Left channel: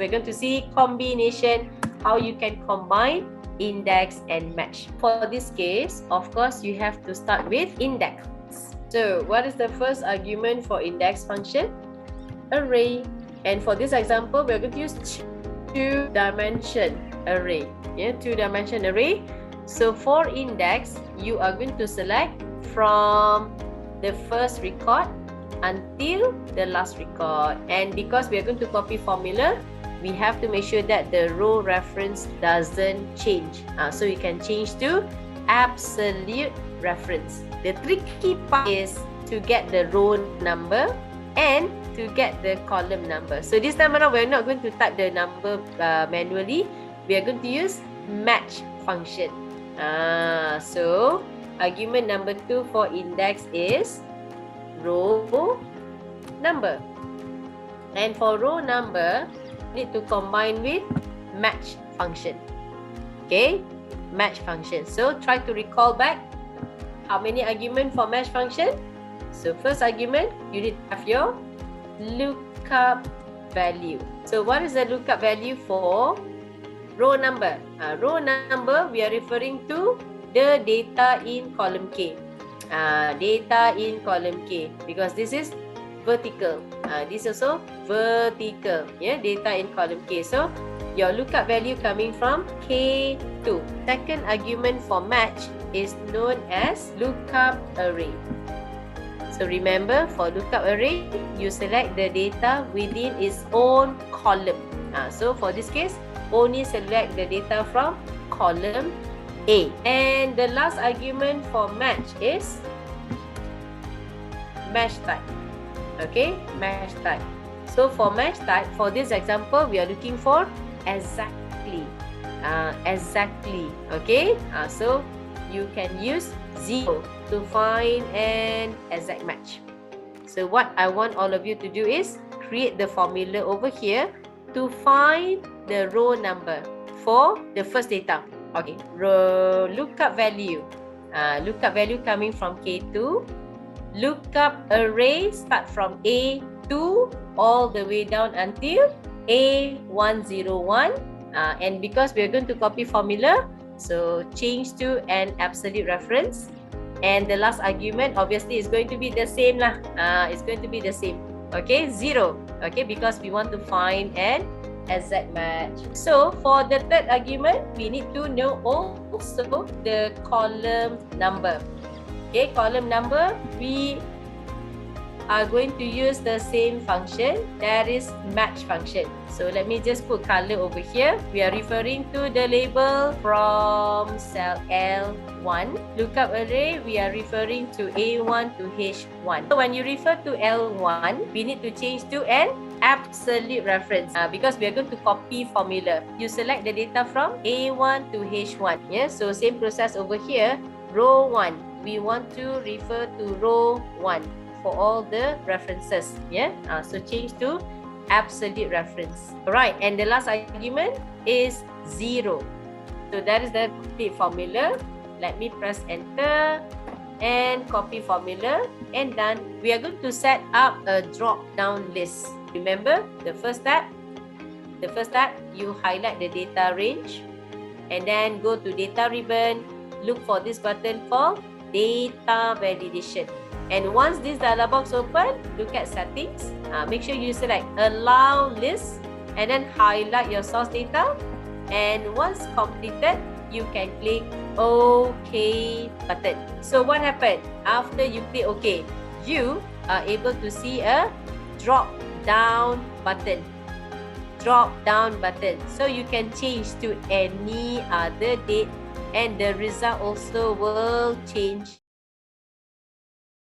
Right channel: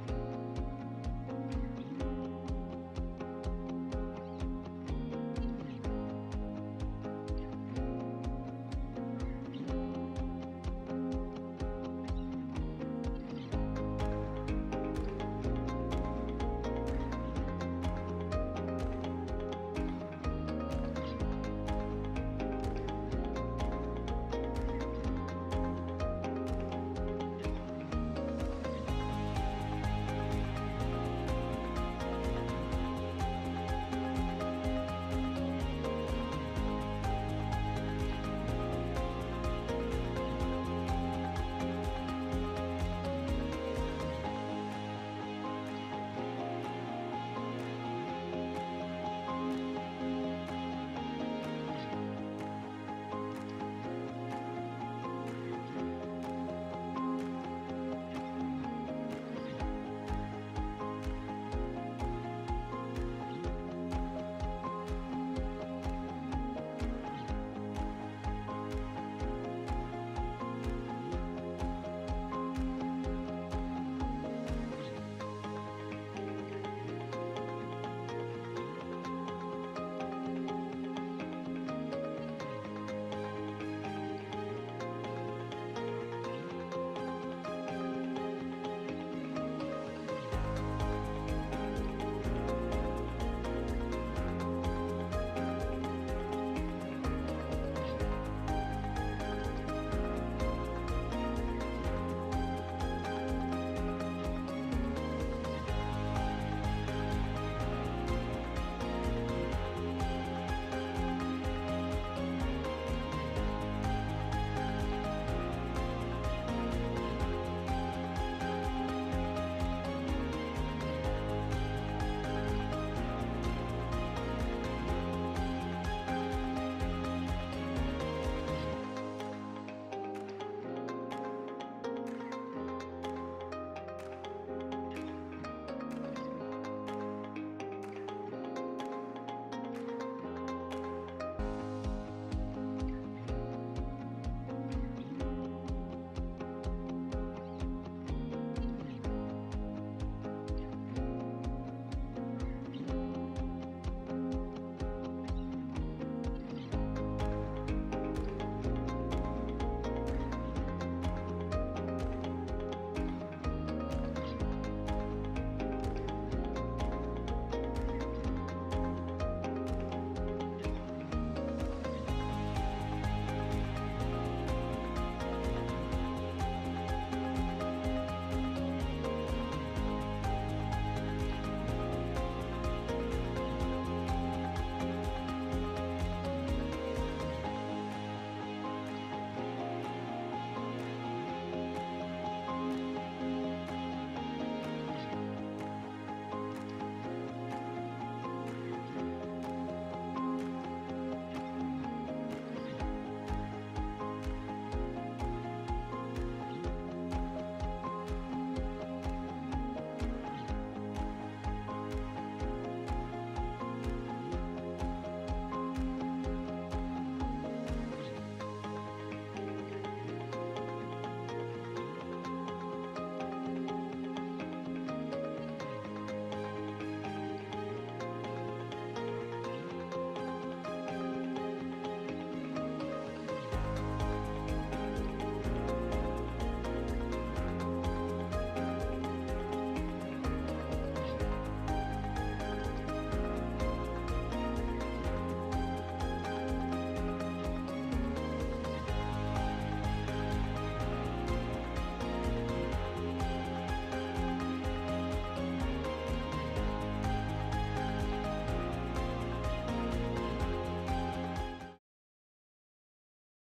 we're going to see combination, how you can combine index and match. For this case, of course, you have to start with index. So what is the first argument for index function? Array. And for this example, we're going to use two-dimension array. Yeah, two-dimension array. So for index, you are going to select from the first record until the last record. And because we are going to copy formula, we have to make sure that the row reference doesn't change. So you can change to absolute reference. The tricky part is to get the row number and to get the column number. So this time around, we're not going to type the number manually. We are going to use match function. So argument number 2 for index is row number. And for row number, need to combine with match function. Okay, match function. So try to recall back how many argument for match function. So first argument, you need to have your lookup value. So what is the lookup value for row number? Row number, we are referring to the data in column K. Data in column K, because this is vertical. This also vertical. Yeah, data in column K. So your lookup value coming from K2. Second argument for match is known as lookup array. So remember, for lookup array, you select the data within its own column. So for this case, only select the data from column A. And the last argument for match is match type. Okay, match type. So for match type, for this example, we are looking for exactly. Exactly. Okay, so you can use 0 to find an exact match. So what I want all of you to do is create the formula over here to find the row number for the first data. Okay, row lookup value. Lookup value coming from K2. Lookup array start from A2 all the way down until A101. And because we are going to copy formula, so change to an absolute reference. And the last argument obviously is going to be the same lah. It's going to be the same. Okay, 0. Okay, because we want to find an exact match. So for the third argument, we need to know also the column number. Okay, column number, we are going to use the same function, that is match function. So let me just put color over here. We are referring to the label from cell L1. Lookup array, we are referring to A1 to H1. So when you refer to L1, we need to change to an absolute reference because we are going to copy formula. You select the data from A1 to H1. Yeah, so same process over here. Row 1, we want to refer to row 1 for all the references. Yeah, so change to absolute reference. Alright, and the last argument is 0. So that is the complete formula. Let me press enter and copy formula, and done. We are going to set up a drop down list. Remember the first step? The first step, you highlight the data range and then go to data ribbon. Look for this button called data validation. And once this dialog box open, look at settings. Make sure you select allow list and then highlight your source data. And once completed, you can click OK button. So what happened? After you click OK, you are able to see a drop down button. Drop down button. So you can change to any other date and the result also will change